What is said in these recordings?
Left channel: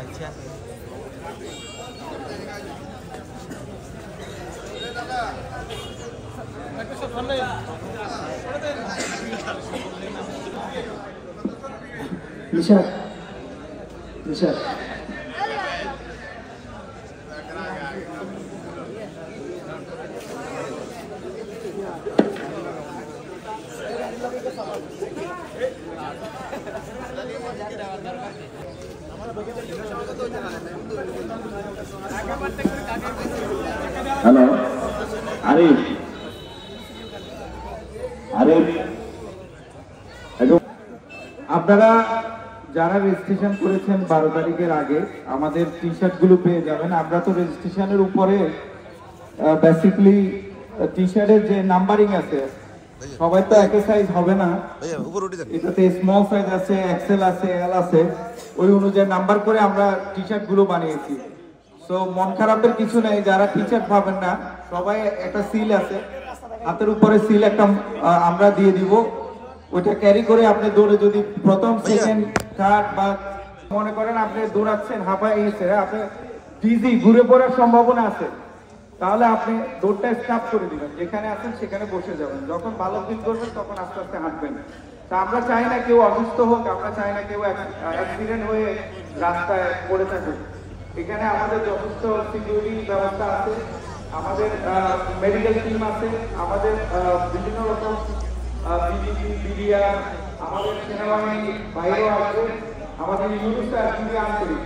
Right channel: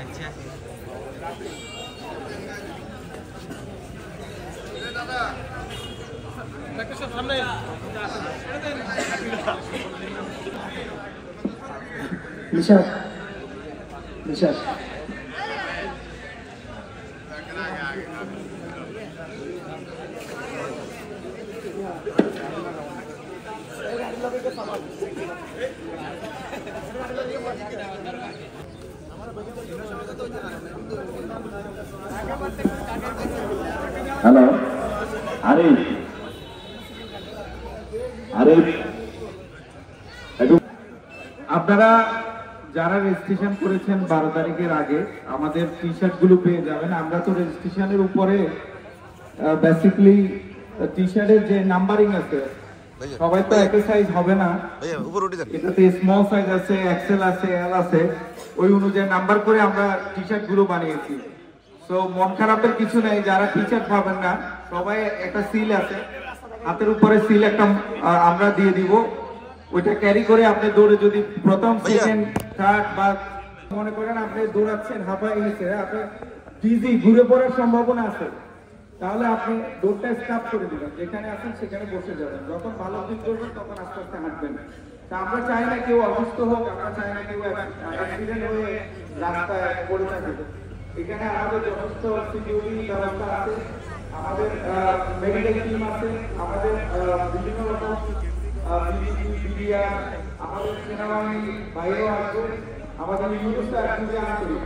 আচ্ছা নিশাদ নিশাদ হ্যালো আরিফ আরিফ আপনারা যারা রেজিস্ট্রেশন করেছেন 12 তারিখের আগে আমাদের টি শার্ট গুলো পেয়ে যাবেন। আমরা তো রেজিস্ট্রেশনের উপরে বেসিক্যালি টি শার্টের যে নাম্বারিং আছে সবাই তো একই সাইজ হবে না, এটাতে স্মল সাইজ আছে, এক্সেল আছে, এল আছে, ওই অনুযায়ী নাম্বার করে আমরা টি শার্ট গুলো বানিয়েছি। তো মন খারাপের কিছু নেই, যারা টি শার্ট পাবেন না সবাই একটা সিল আছে, হাতের উপরে সিল একটা আমরা দিয়ে দিব, ওইটা ক্যারি করে আপনি দৌড়ে যদি প্রথম সেকেন্ড থার্ড বা মনে করেন আপনি দৌড়াচ্ছেন হাঁপায় গেছে, আপনি ডিজি ঘুরে পড়ার সম্ভাবনা আছে, তাহলে আপনি দৌড়টা স্টপ করে দিবেন, যেখানে আছেন সেখানে বসে যাবেন, যখন ভালো ফিল করবেন তখন আস্তে আস্তে হাঁটবেন। তা আমরা চাই না কেউ অসুস্থ হোক, আমরা চাই না কেউ অ্যাক্সিডেন্ট হয়ে রাস্তায় পড়ে থাকে। এখানে আমাদের যথেষ্ট সিকিউরিটি ব্যবস্থা আছে, আমাদের মেডিকেল টিম আছে, আমাদের বিভিন্ন রকম বিজিবি বিডিআর, আমাদের সেনাবাহিনী বাইরেও আসবে, আমাদের ইউনিটটা খুবই আন্তরিক।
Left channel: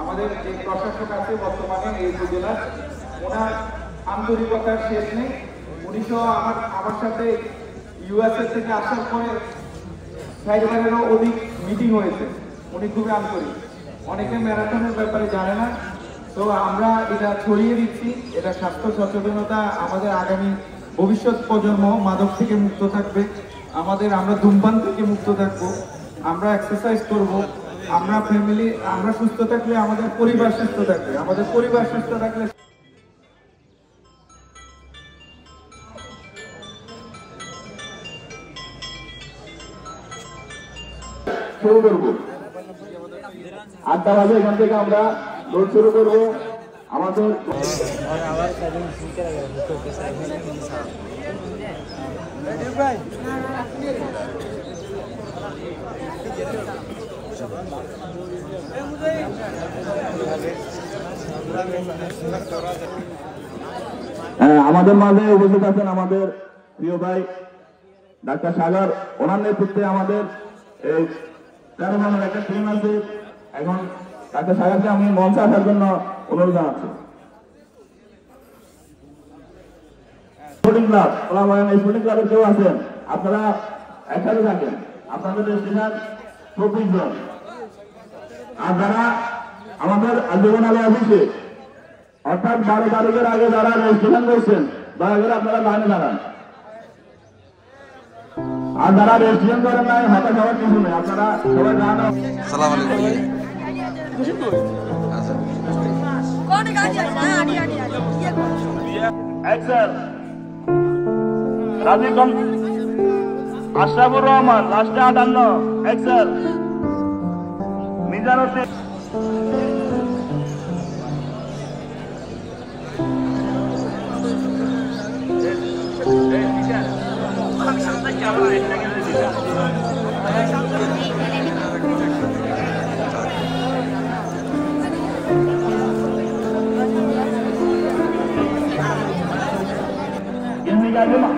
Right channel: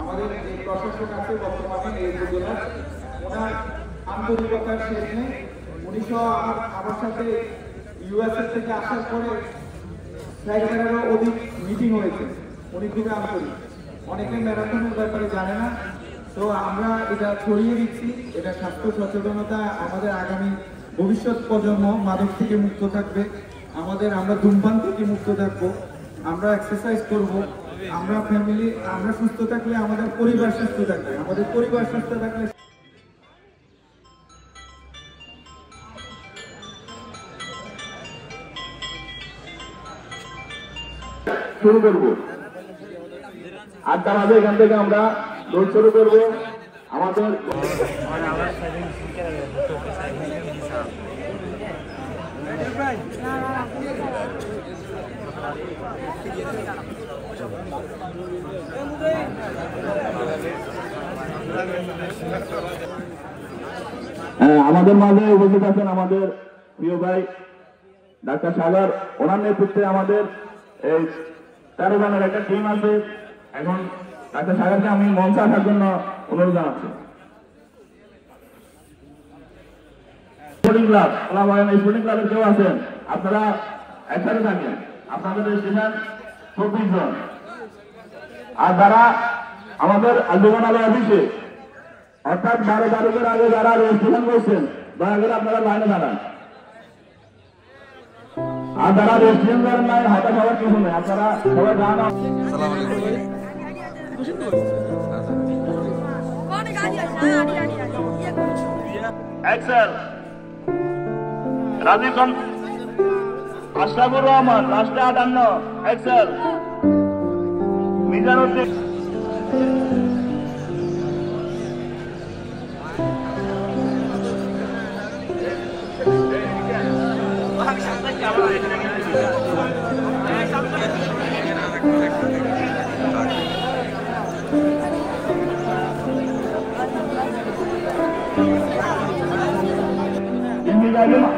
আমাদের যে প্রশাসক আছে বর্তমানে এই উপজেলার, ওনার আন্তরিকতার শেষ নেই। উনিশও আমার সাথে ইউএসএ থেকে আসার পরে 4বারেরও অধিক মিটিং হয়েছে, উনি খুবই আন্তরিক। অনেকে ম্যারাথনের ব্যাপারে জানে না, তো আমরা এটা ছড়িয়ে দিচ্ছি, এটা স্বাস্থ্য সচেতনতা, আমাদের আগামী ভবিষ্যৎ প্রজন্ম মাদক থেকে মুক্ত থাকবে, আমরা ধূমপান থেকে মুক্ত থাকবো, আমরা এক্সারসাইজ করব, আমরা ফ্যামিলি, আমরা সুস্থ থাকলে আমাদের পরিবার সুস্থ থাকবে, আমাদের পরিবার সুস্থ থাকলে শুরু করবো 8টা বাজে এখান থেকে আমরা দৌড় শুরু করবো। আমাদের আমাদের মাঝে উপস্থিত আছেন আমাদের প্রিয় ভাই ডাক্তার সাগর, ওনার নেতৃত্বে আমাদের এই 13 জনের একটা টিম আছে। এখন ডাক্তার সাগরকে আমি মঞ্চে আসার জন্য অনুরোধ জানাচ্ছি। স্পোর্টিং ক্লাব, স্পোর্টিং ক্লাবের কেউ আছেন আপনারা একসাথে থাকেন, আপনাদের রেজিস্ট্রেশন 24 জন। আর যারা আমাদের আন্দোলন অফিসে অর্থাৎ 12 তারিখের আগে যারা রেজিস্ট্রেশন করছেন দয়া করে আপনারা লাইনে দাঁড়ান। আর যারা রেজিস্ট্রেশন করেন নাই হতাশ হওয়ার কিছু নেই, আপনারা সবাই জানান। আসসালামু আলাইকুম ভাইয়া। এক্সেল রাজীব আশরাফুর রহমান লাস্টে 58 এক্সেল মিজানুদ্দিন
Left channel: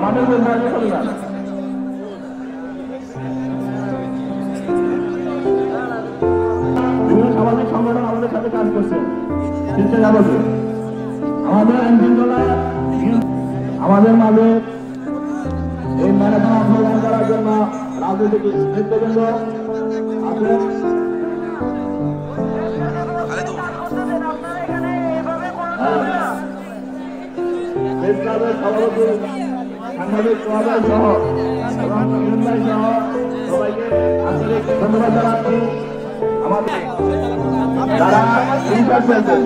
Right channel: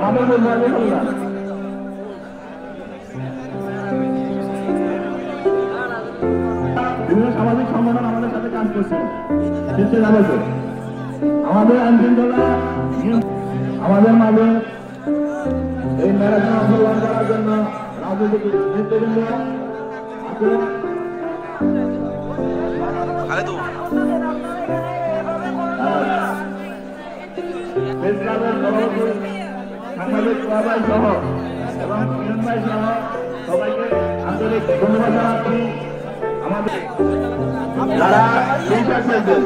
মাঠের মধ্যে চলে যান। বিভিন্ন সামাজিক সংগঠন আমাদের সাথে কাজ করছেন, শীর্ষে যাবছে আমাদের আইনশৃঙ্খলা আমাদের মাঝে এই ম্যারাথন অংশগ্রহণ করার জন্য রাজনৈতিক নেতৃবৃন্দ আছেন। সাংবাদিক সহ এবং ভাই সহ সবাইকে আন্তরিক ধন্যবাদ জানাচ্ছি। আমাদের যারা টিচার খেলছেন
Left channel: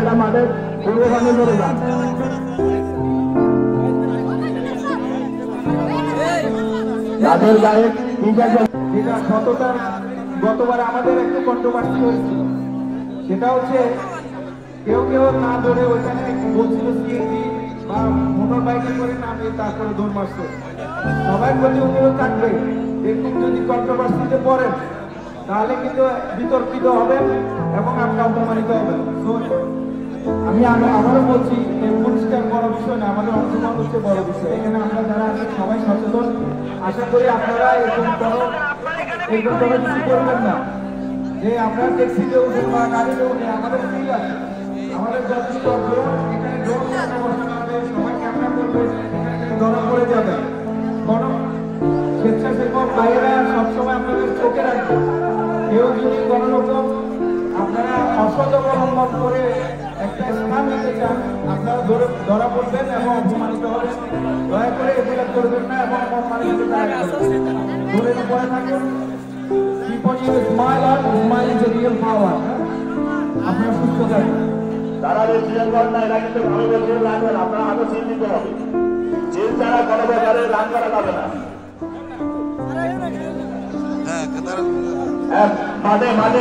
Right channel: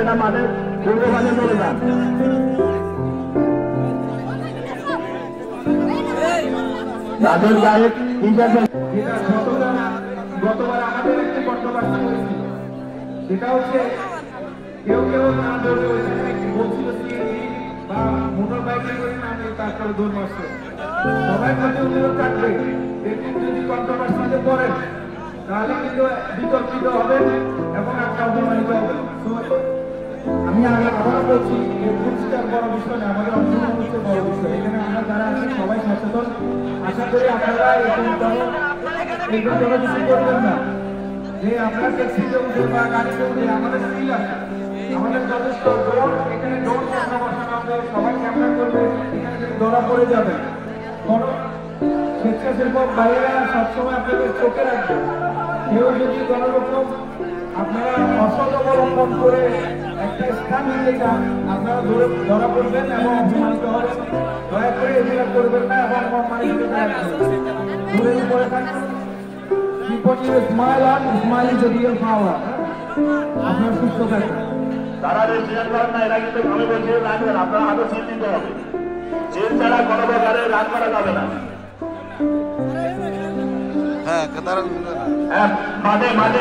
এখানে মাঠে পূর্ববাণী চলে যান। রাজের গায়ে টিচার গতবার আমাদের একটু কন্ট্রোভার্সি হয়েছিল, সেটা হচ্ছে কেউ কেউ না ধরে ওইখানে বলছিল সিএনজি বা মোটর বাইকে করে নামে তারপরে দৌড় মারছে। সবার প্রতি অনুরোধ থাকবে এরকম যদি কন্ট্রোভার্সিতে পড়েন তাহলে কিন্তু বিতর্কিত হবেন এবং আপনার অপমানিত হবেন। তো আমি আবারও বলছি রুলসটা বড় বিষয় না, আমাদের অংশগ্রহণ হচ্ছে বড় বিষয়। এখানে আমরা যারা আছি সবাই সচেতন। আশা করি আপনারা এরকম কোনো কিছু করবেন না যে আপনারা ট্যাক্সিতে উঠে বা গাড়িতে উঠে আমাদের ঠিক আছে, আমাদের যথেষ্ট ড্রোন এখানে ড্রোন বসানো হবে, সবাই ক্যামেরা করবে, ধরা পড়ে যাবে। কারণ স্বেচ্ছাসেবক ভাইয়েরা সবসময় আপনাদের চোখে রাখবে। কেউ যদি গণরকম আপনারা অসৎ অবলম্বন করে একটা স্থান নিতে চান আপনারা ধরা পড়বেন এবং অপমানিত হবেন। দয়া করে এগুলো করবেন না এবং অপমানিত দূরের উপরে থাকুন। আপনার সুস্থ থাকুন। তারা রেজিস্ট্রেশন করেন না, এরা কিন্তু গণভোটে রান করে, আপনারা আরো চিন্তিত হবে। যে তারা গণভোটে রান করা যাবে না। হ্যাঁ তারা মাঠে মাঠে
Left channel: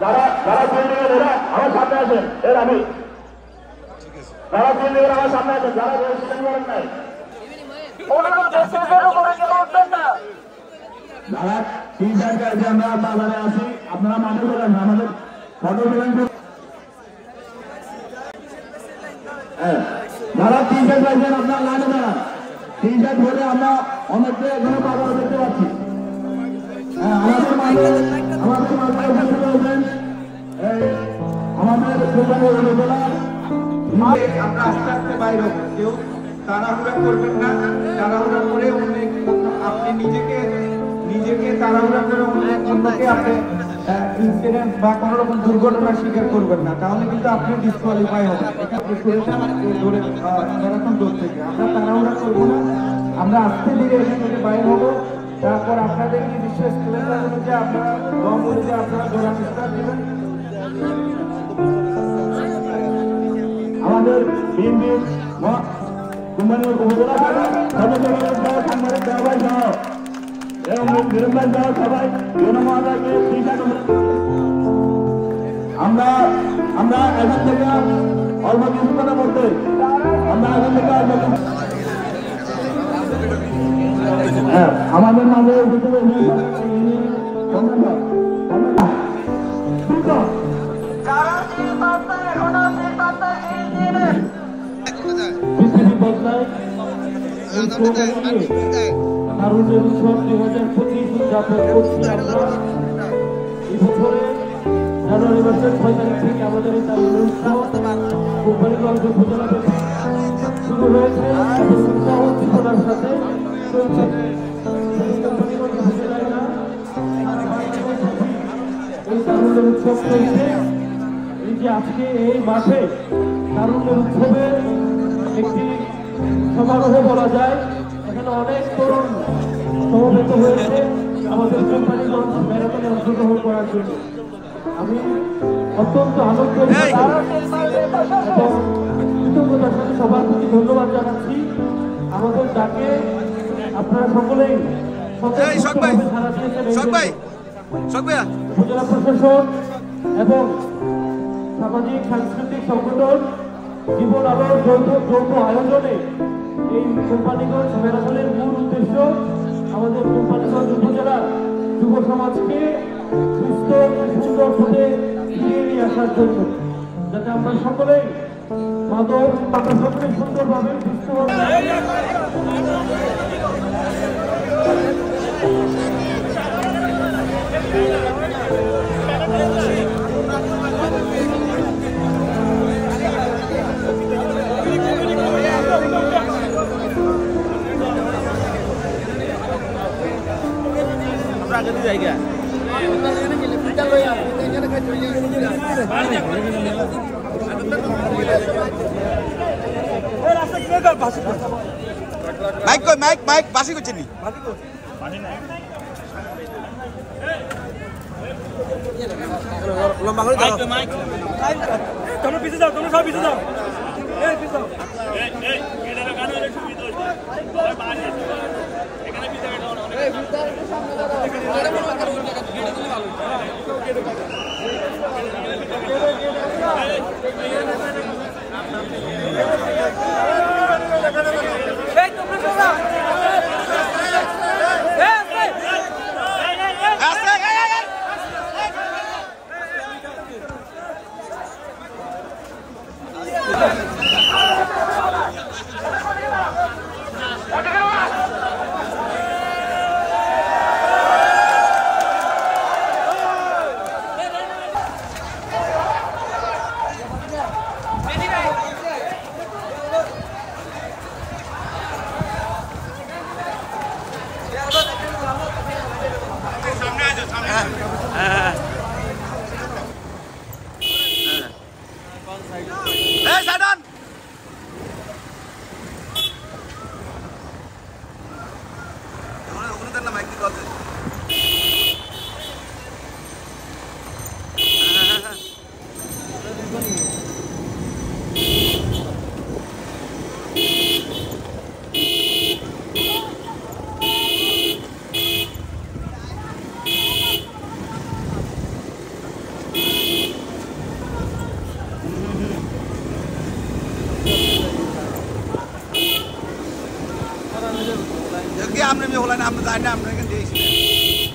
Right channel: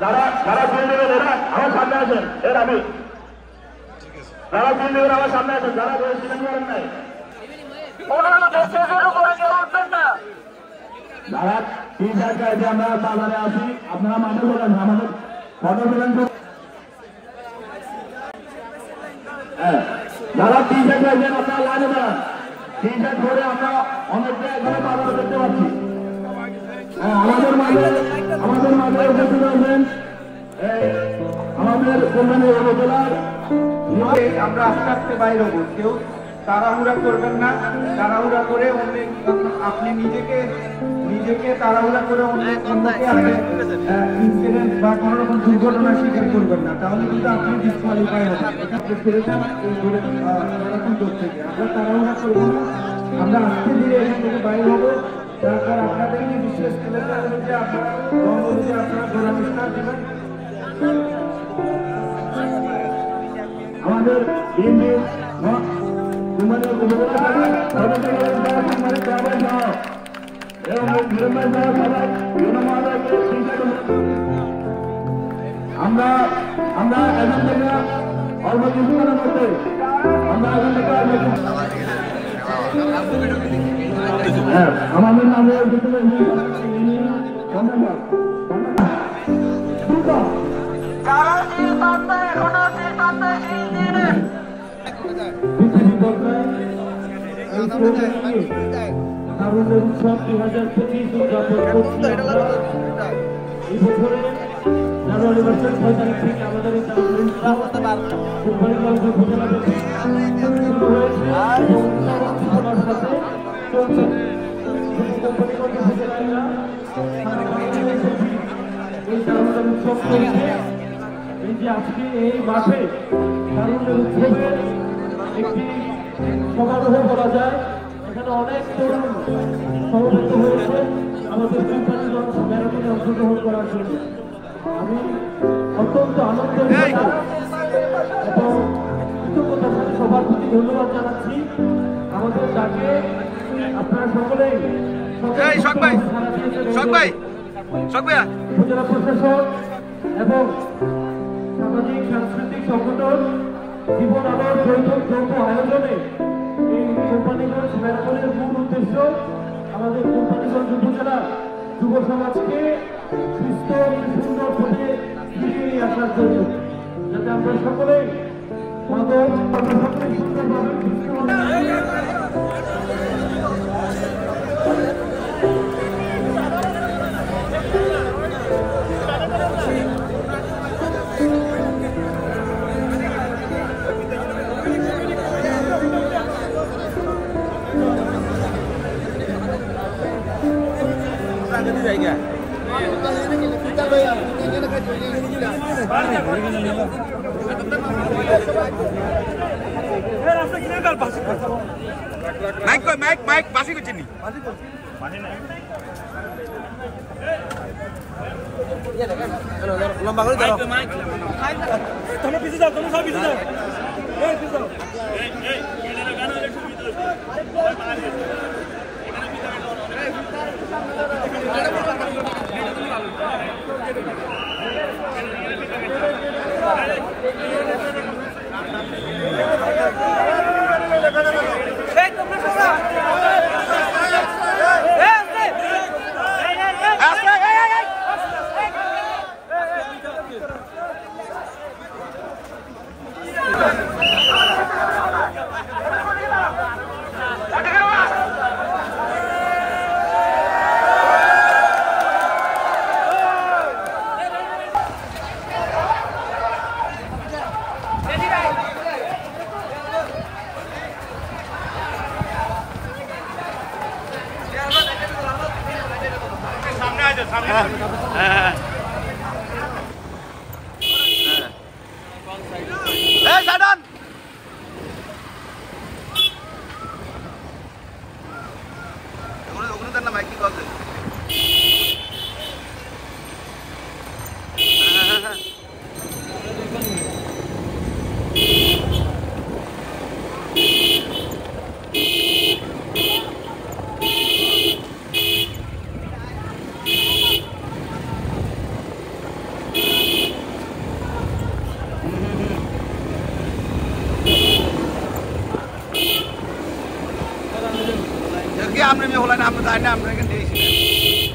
যারা এরা আমার সামনে আছেন, এর আমি যারা আমার সামনে আছেন, যারা রেজিস্ট্রেশন করেন নাই যারা তিন জায়গায় আছে আমরা বাজারে আছি, আপনারা মানুষ বলেন আমাদের ফটো বলেন। হ্যাঁ যারা তিন জায়গায় আছেন আপনারা লাগে না, তিন জায়গা ধরে আমরা অনেকটা এখানে বাজার করতে পারছি। হ্যাঁ আমাদের মাঝে আমাদের কোম্পানি উপজেলার আমরা আস্তে আস্তে বাইরে হবো। কেউ তাড়াহুড়া করবেন না, তাড়াহুড়া করে আপনি নিজেকে তাড়াহুড়া করে অন্যকে আপনি ইনসিডেন্ট বা কোনো রকম দুর্ঘটনার শিকার করবেন না, তাহলে কিন্তু আপনি ডিসকোয়ালিফাই হবেন। এটা এখন দূর থেকে আমরা তাড়াহুড়া করবো না, আমরা আস্তে ধীরে এখান থেকে বাইরে হবো। তারপর আপনাদেরকে বিশ্বাস করে যে আপনারা দম অনুযায়ী আপনারা জনমিশ্রণ দেবেন। আমাদের বিএনপির কোম্পানির উপজেলা এবং নিরঞ্জন যারা সবাই আমরা এখান থেকে অল্প কিছুক্ষণের মধ্যে আমরা এখান থেকে আমাদের মাঝে তারুণ্যের উৎসব 2025 উদযাপন করছি আমরা। এই বছরে জানুয়ারি মাসের 6 তারিখ থেকে আমাদের এই তারুণ্যের উৎসব কোম্পানিগঞ্জ উপজেলা শুরু হয়েছে এবং উৎসাহ উদ্দীপনার সাথে চলছে। এই তারুণ্যের উৎসব চলছে। এই যে আজকে এই মাঠে তারুণ্যের উৎসবের একটি সমারোহ বলা যায়, এখানে অনেক তরুণ সমবেত হয়েছে আমাদের কোম্পানিগঞ্জ ম্যারাথনে অংশগ্রহণ করার জন্য। আমি অত্যন্ত আনন্দ এবং কৃতজ্ঞতার সাথে সবার প্রতি ধন্যবাদ জানাচ্ছি। আমাদের ডাকে আপনারা সকলেই উপজেলা প্রশাসন এবং সামাজিক সাংস্কৃতিক সংগঠন জীবন আলোর যৌথ আয়োজনে এই কোম্পানিগঞ্জ ম্যারাথনের মূল উদ্দেশ্য আমাদের কোম্পানিগঞ্জ উপজেলার যুব সমাজকে সুস্থ সুন্দর পথে ফিরিয়ে নিয়ে আসার জন্য, যাতে আমরা সকলে মাদক আমরা সকলে সুন্দরভাবে সুস্থ জায়গা মাইক বাসি করছেন নি তোমরা পিছিয়ে যাও, তোমরা সব পিছিয়ে যাও, পিছিয়ে যাও। সাইডন ওখানে তার নাম কি করছে हमने भी होला ना हम जाने हमने के देखी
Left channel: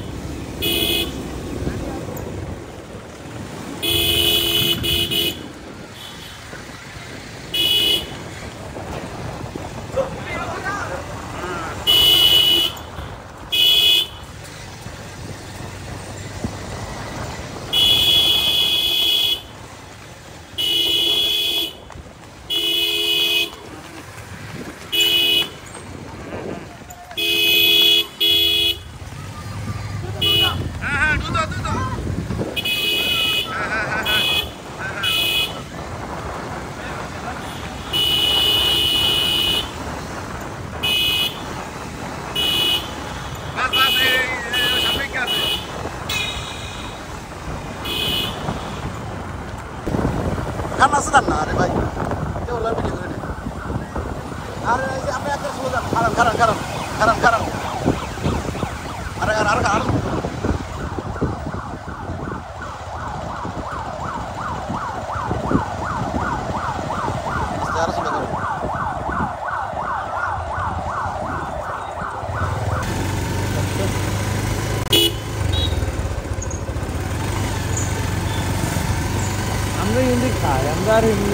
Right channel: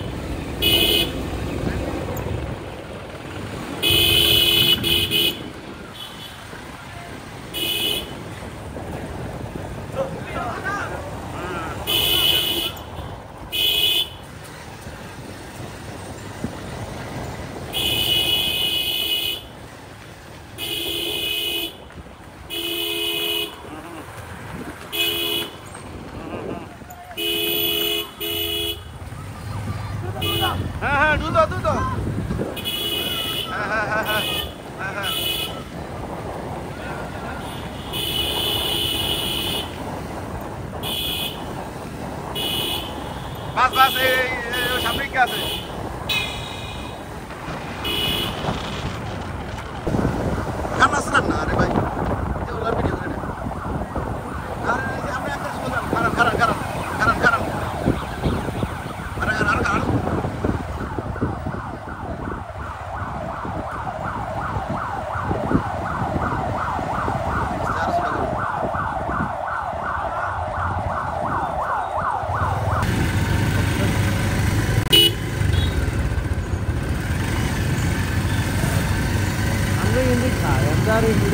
हम असर ना अरे भाई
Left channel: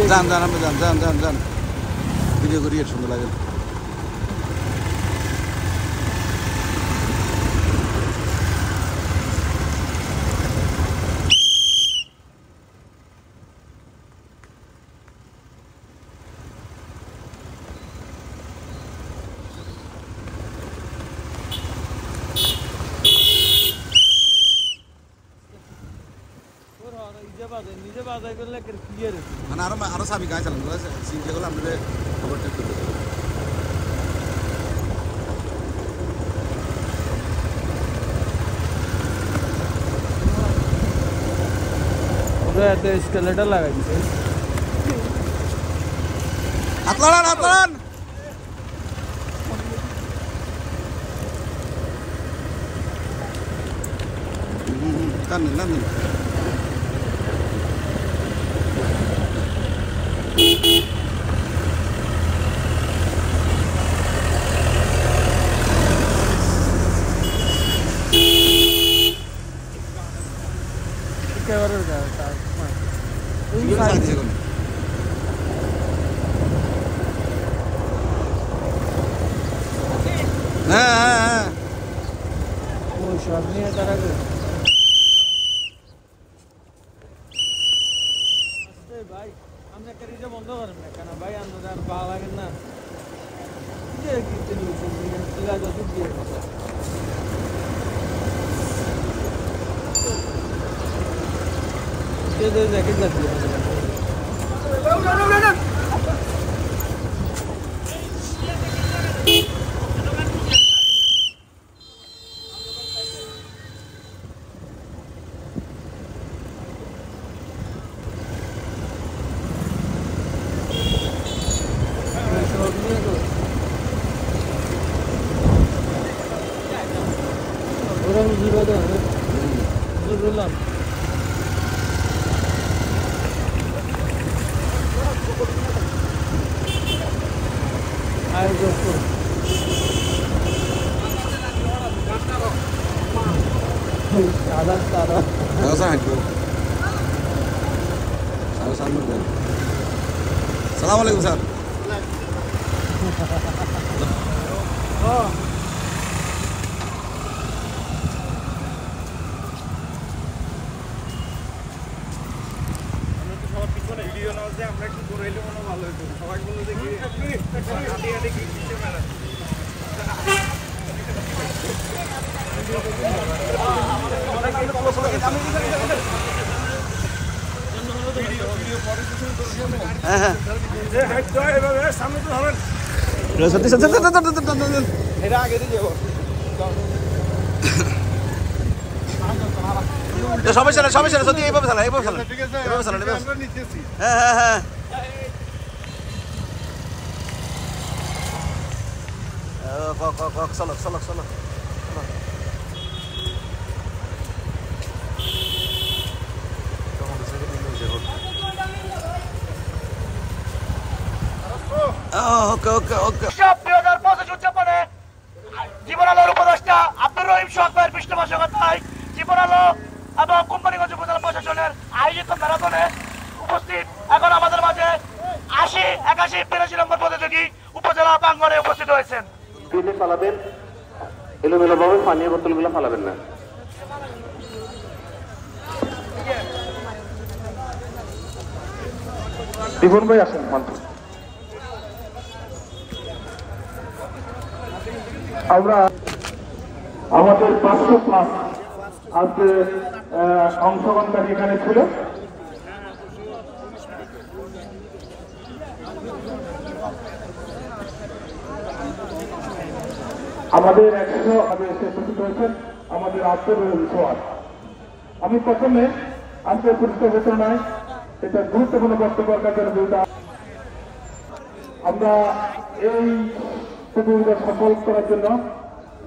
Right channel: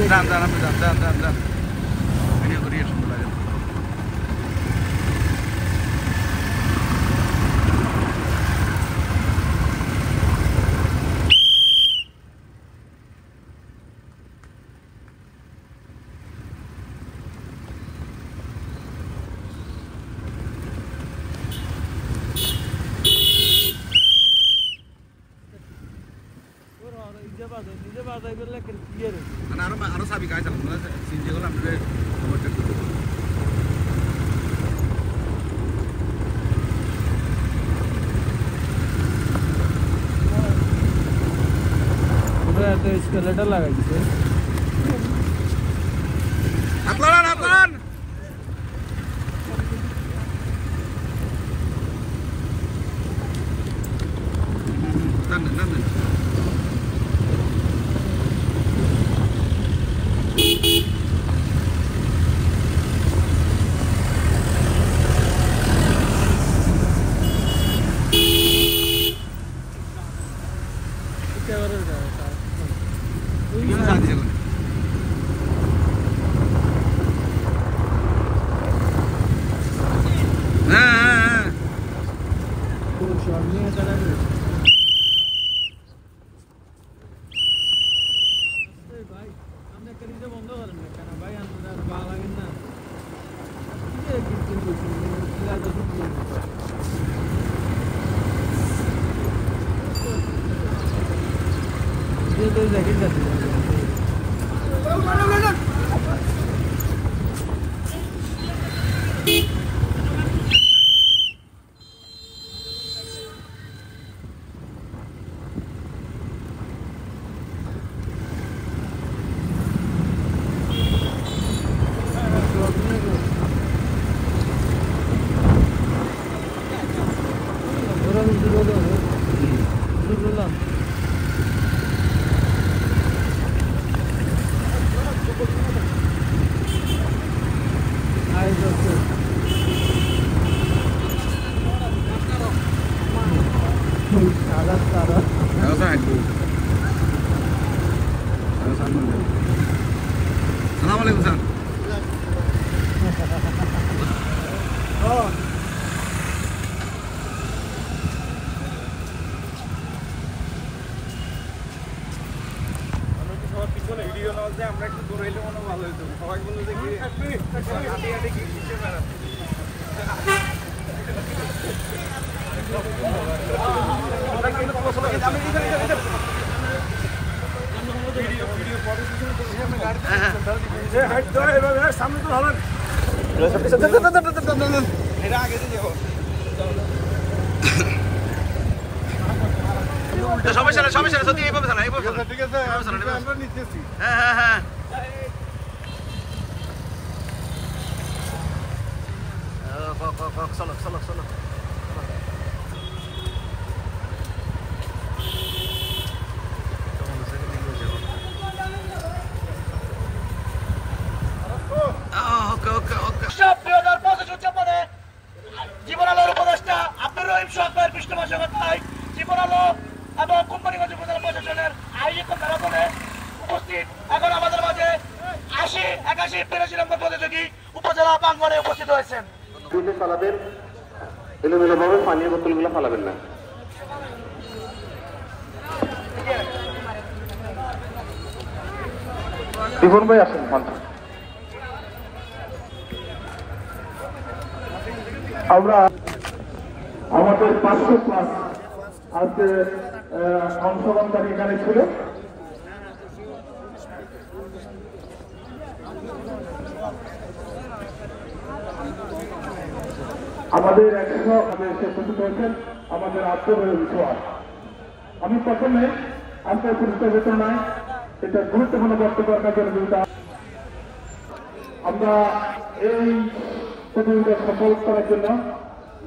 जान भिडियो करिए सुंदर लगे आरो साबि काय चालू सीन जेगोला आपले तो स्केलेटन लागायचं हातलान lan साथ है ভাই আমরা কারিজে বন্ধ করেন না কেন ভাই আমরা পা লাগাবেন না কি কি তুমি দিলা যত দিয়ে ये जैकेट का Assalamualaikum Sir. Oh. আমরা তো সবার পিছনে ভিডিও নাও যে আমরা একটু দৌড়াইলে মনে ভালো হতো সবাই বললো যে কি হাঁটি হাঁটি কি পিছে বেড়াচ্ছে সামনে তো হবে সমস্যা না সত্যি এইভাবে চালা ঠিক আছে হ্যাঁ চলো ওকে 2025 উদযাপনে জীবন আলোর উপদেষ্টা আব্দুর রহিম সরকার পৃষ্ঠপোষকতায় জীবন আলো এবং কোম্পানিগঞ্জ উপজেলা প্রশাসনের আয়োজিত ম্যারাথনে উপস্থিত এখন আমাদের মাঝে 81 নম্বর প্রতিযোগী উপজেলা প্রাঙ্গণে উপস্থিত হয়েছেন। ফালাবেন এলোমেলো ভাবে পানীয় বোতলগুলো ফালাবেন না। জীবন ভাই আসেন মঞ্চে। আমরা আমাদের 500+ আজকে অংশগ্রহণকারী এখানে ছিল। আমাদের 100 উপস্থিত হয়েছেন আমাদের আব্দুর রহিম সোহাগ। আমি প্রথমে আজকে পরিচিত ঘোষণায় এটা গুরুত্বপূর্ণ বক্তব্য রাখার জন্য আমরা এই প্রতিযোগিতা সফল করার জন্য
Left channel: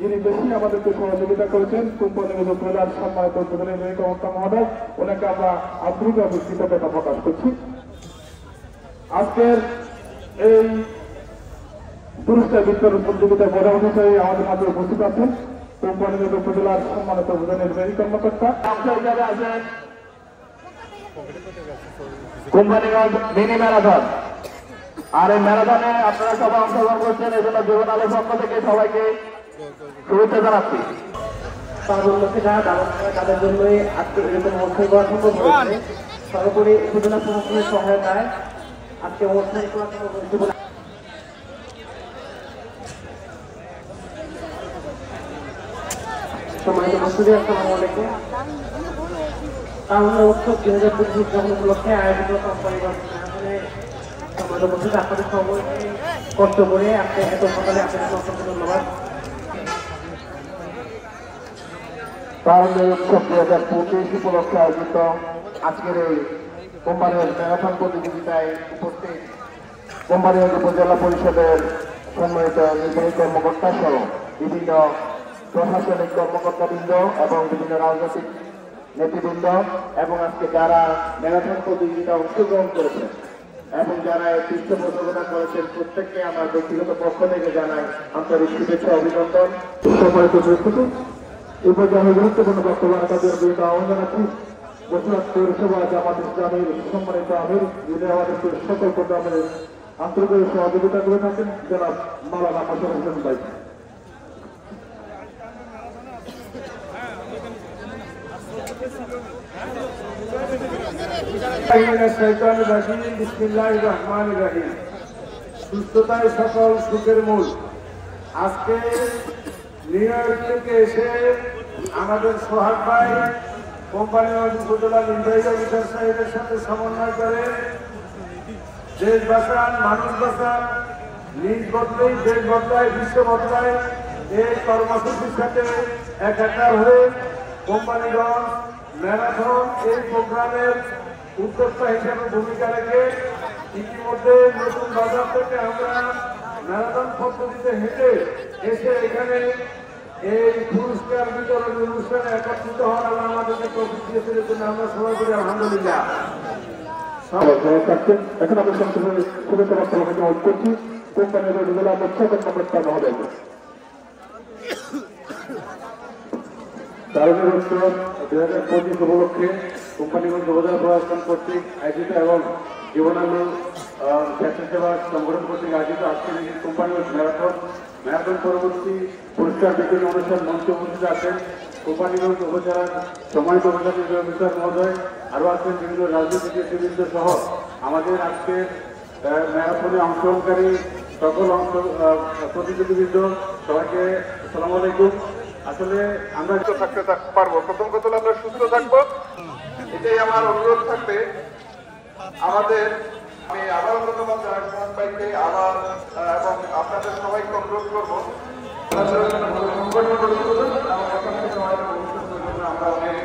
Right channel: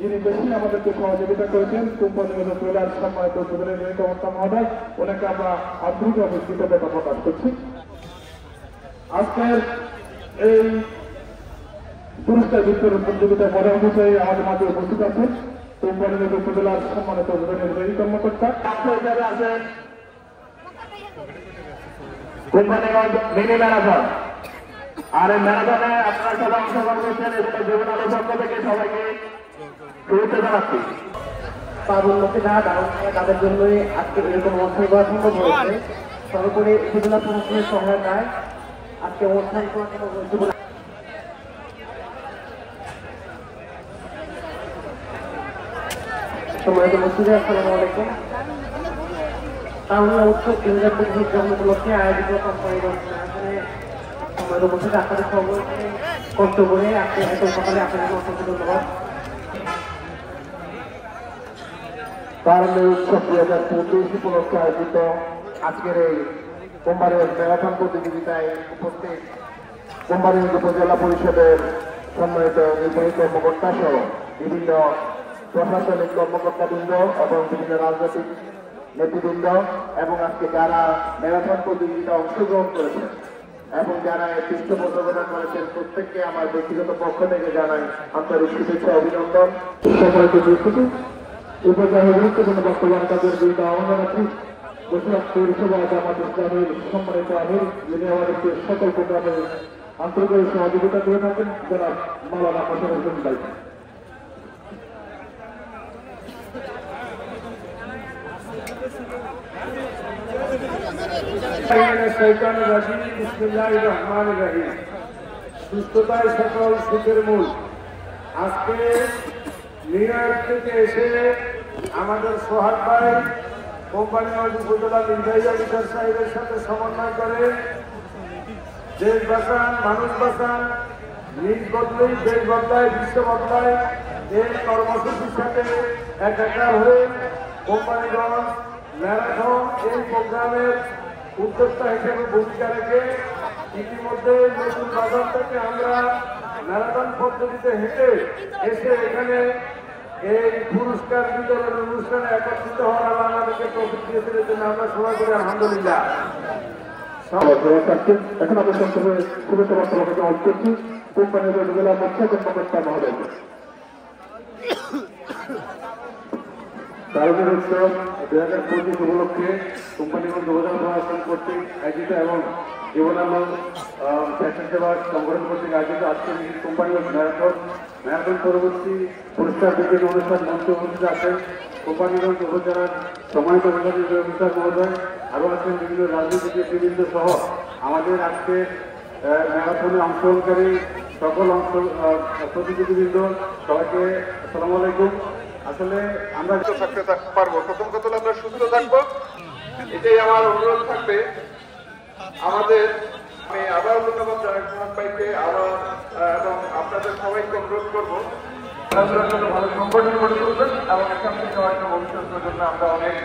যিনি বেশি আমাদেরকে সহযোগিতা করেছেন কোম্পানিগঞ্জ উপজেলার সম্মানিত উপজেলার নির্বাচন মহোদয়, ওনাকে আমরা আন্তরিকভাবে কৃতজ্ঞতা প্রকাশ করছি। আজকের এই পুরস্কার বিতরণ প্রতিযোগিতা প্রধান অতিথি আমাদের মাঝে উপস্থিত আছেন কোম্পানিগঞ্জ উপজেলার সম্মানিত উপজেলা নির্বাহী কর্মকর্তা আছেন কোম্পানিগঞ্জ মিনি ম্যারাথন। আর এই ম্যারাথনে আপনারা সবাই অংশগ্রহণ করছেন, এজন্য জীবন আলো পক্ষ থেকে সবাইকে শুভেচ্ছা জানাচ্ছি। তার উন্নতি না তাদের জন্যই আজকে এরকম অনুষ্ঠান করা সম্ভব হয়েছে। সর্বোপরি উপজেলা প্রশাসনের সহায়তায় আজকে অনুষ্ঠান করা সম্ভব হয়েছে বলে সম্মানিত উপস্থিতি, আসসালামু আলাইকুম। তারুণ্য উৎসব 2025 উদযাপন উপলক্ষে আয়োজিত কোম্পানিগঞ্জ ম্যারাথনে সম্মানিত উপস্থিতি, আপনাদের সকলকে কষ্ট করে আজকে এত সকালে আপনাদের অসংখ্য ধন্যবাদ। তারুণ্য উৎসব 2025 উপলক্ষে আয়োজিত আজকের এই কোম্পানিগঞ্জ ম্যারাথন প্রতিযোগিতায় উপস্থিত কোম্পানিগঞ্জ উপজেলা পরিষদের সম্মানিত নির্বাহী কর্মকর্তা সহ বিভিন্ন প্রশাসনিক কর্মকর্তাবৃন্দ এবং বিভিন্ন রাজনৈতিক নেতৃবৃন্দ এবং আজকে যারা ম্যারাথন প্রতিযোগিতা অংশগ্রহণ করেছেন এবং যারা এই পৃষ্ঠপোষকতা করেছেন প্রত্যেককে আমার ব্যক্তিগত পক্ষ থেকে জানাই আন্তরিক শুভেচ্ছা অভিনন্দন। সম্মানিত উপস্থিতি, এই পর্যায়ে গুরুত্বপূর্ণ বক্তব্য রাখার জন্য আহ্বান জানাচ্ছি বসুরহাট পৌরসভা জামাত ইসলামের সম্মানিত আমির, যিনি আমাদেরকে সকল প্রোগ্রামে আন্তর্জাতিক সহযোগিতা করে থাকেন, জনাব মাওলানা মোশাররফ হোসেন ভাই। সুস্থতাই সকল সুখের মূল। আজকে নিউ ইয়র্ক থেকে এসে আমাদের সোহাগ ভাই কোম্পানিগঞ্জ উপজেলা নির্বাহী অফিসার সাহেবের সাথে সমন্বয় করে দেশ বাঁচান, মানুষ বাঁচান, নিজ বদলেই দেশ বদলায়, বিশ্ব বদলায়, এর কর্মসূচির সাথে একাকার হয়ে কোম্পানিগঞ্জ ম্যারাথন এই প্রোগ্রামের উদ্যোক্তা হিসেবে ভূমিকা রেখে ইতিমধ্যে নতুন বাজার থেকে আমরা ম্যারাথন পদ্ধতিতে হেঁটে এসে এখানে এই পুরস্কার বিতরণ অনুষ্ঠানে একত্রিত হওয়ার আল্লাহ আমাদেরকে তৌফিক দিয়েছেন, এর জন্য আমরা সবাই করে আলহামদুলিল্লাহ। এখন আমরা সংক্ষেপে শুভেচ্ছা বক্তব্য অনুরোধ করছি কোম্পানির জেলা মুখ্য কর্মকর্তা মহোদয়। তারুণ্যের উৎসব 2025 উপলক্ষে কোম্পানিগঞ্জ উপজেলা প্রশাসন কর্তৃক আয়োজিত এবং জীবনানন্দ স্বেচ্ছাসেবা সংগঠন কর্তৃক আয়োজিত আজকের কোম্পানিগঞ্জ ম্যারাথন পরবর্তী পুরস্কার বিতরণ অনুষ্ঠান মঞ্চে উপস্থিত আছেন কোম্পানিগঞ্জ উপজেলার সম্মানিত প্রশাসনিক অফিসার মহোদয়, আরও আছেন বিভিন্ন রাজনৈতিক নেতৃবৃন্দ সহ আমাদের আজকে ম্যারাথনে অংশগ্রহণকারী সকল প্রতিযোগীবৃন্দ, সবাইকে আসসালামু আলাইকুম। আসলে আমরা থাকতে পারবো, প্রথম কথা আমরা সুস্থ থাকবো, এটাই আমার অনুরোধ থাকবে আমাদের। আমি আবার ধন্যবাদ জানাই সোহান ভাইকে আবার, এবং আপনাদের সবাইকে অনুরোধ করবো ভালো সংগঠন গড়ে তুলবেন এবং আপনাদের সবাইকে অনুসরণের জন্য আমরা অনেক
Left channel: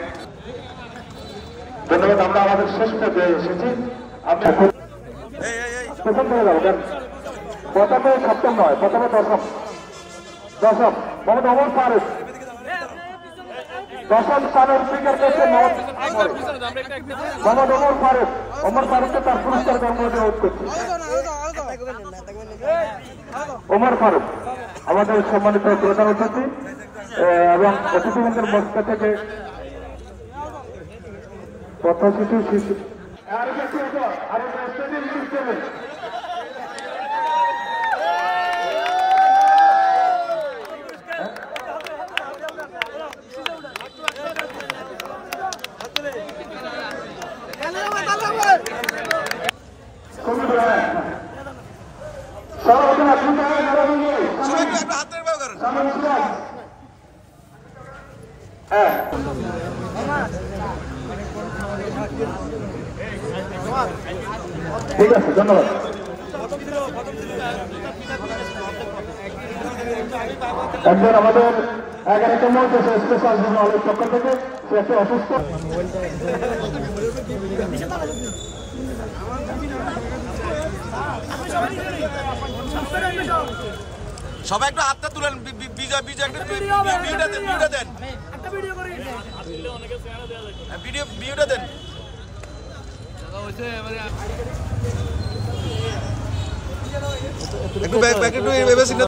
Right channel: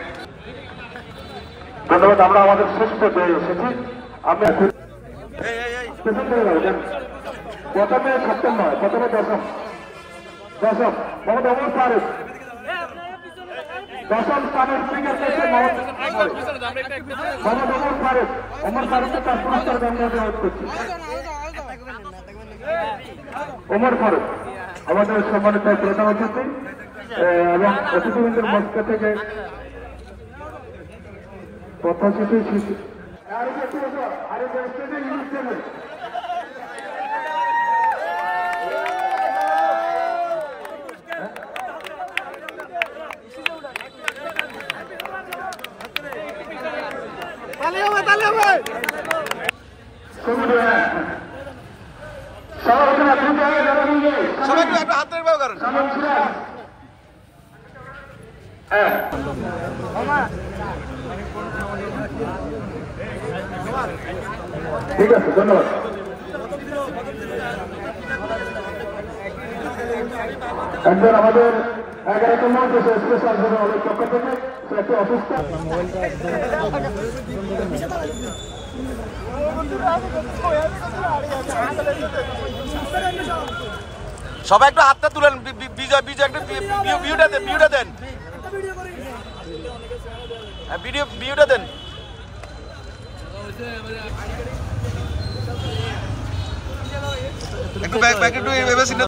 ধন্যবাদ। আমরা আমাদের শেষ পর্যায়ে এসেছি। আপনি প্রথম থেকে যাবেন, প্রথমে সপ্তম নয়, প্রথমে দশম মোহাম্মদ ওমর ফারুক, দশম স্থানের স্পিকার করছেন মোহাম্মদ ওমর ফারুক। ওমর ফারুককে তার পুরস্কার গ্রহণ অনুরোধ করছি। ওমর ফারুক আমাদের সম্মানিত প্রধান অতিথি এবং অতিথিবৃন্দের মঞ্চ থেকে প্রত্যাশিত শিশু সবাই একটু আপনার হাতের ব্যবহার করেন। ঠিক আছে, ধন্যবাদ। একবার আমাদের 11তম স্পেশাল জেনারেলের পক্ষ থেকে সে একটু অসুস্থ। সবাই একটু হাতটা তুলেন, বিজয় বিজয় একটু ভিউটা দেন, ভিউটা দেন, ভিউটা দেন। একটু ব্যাক একটু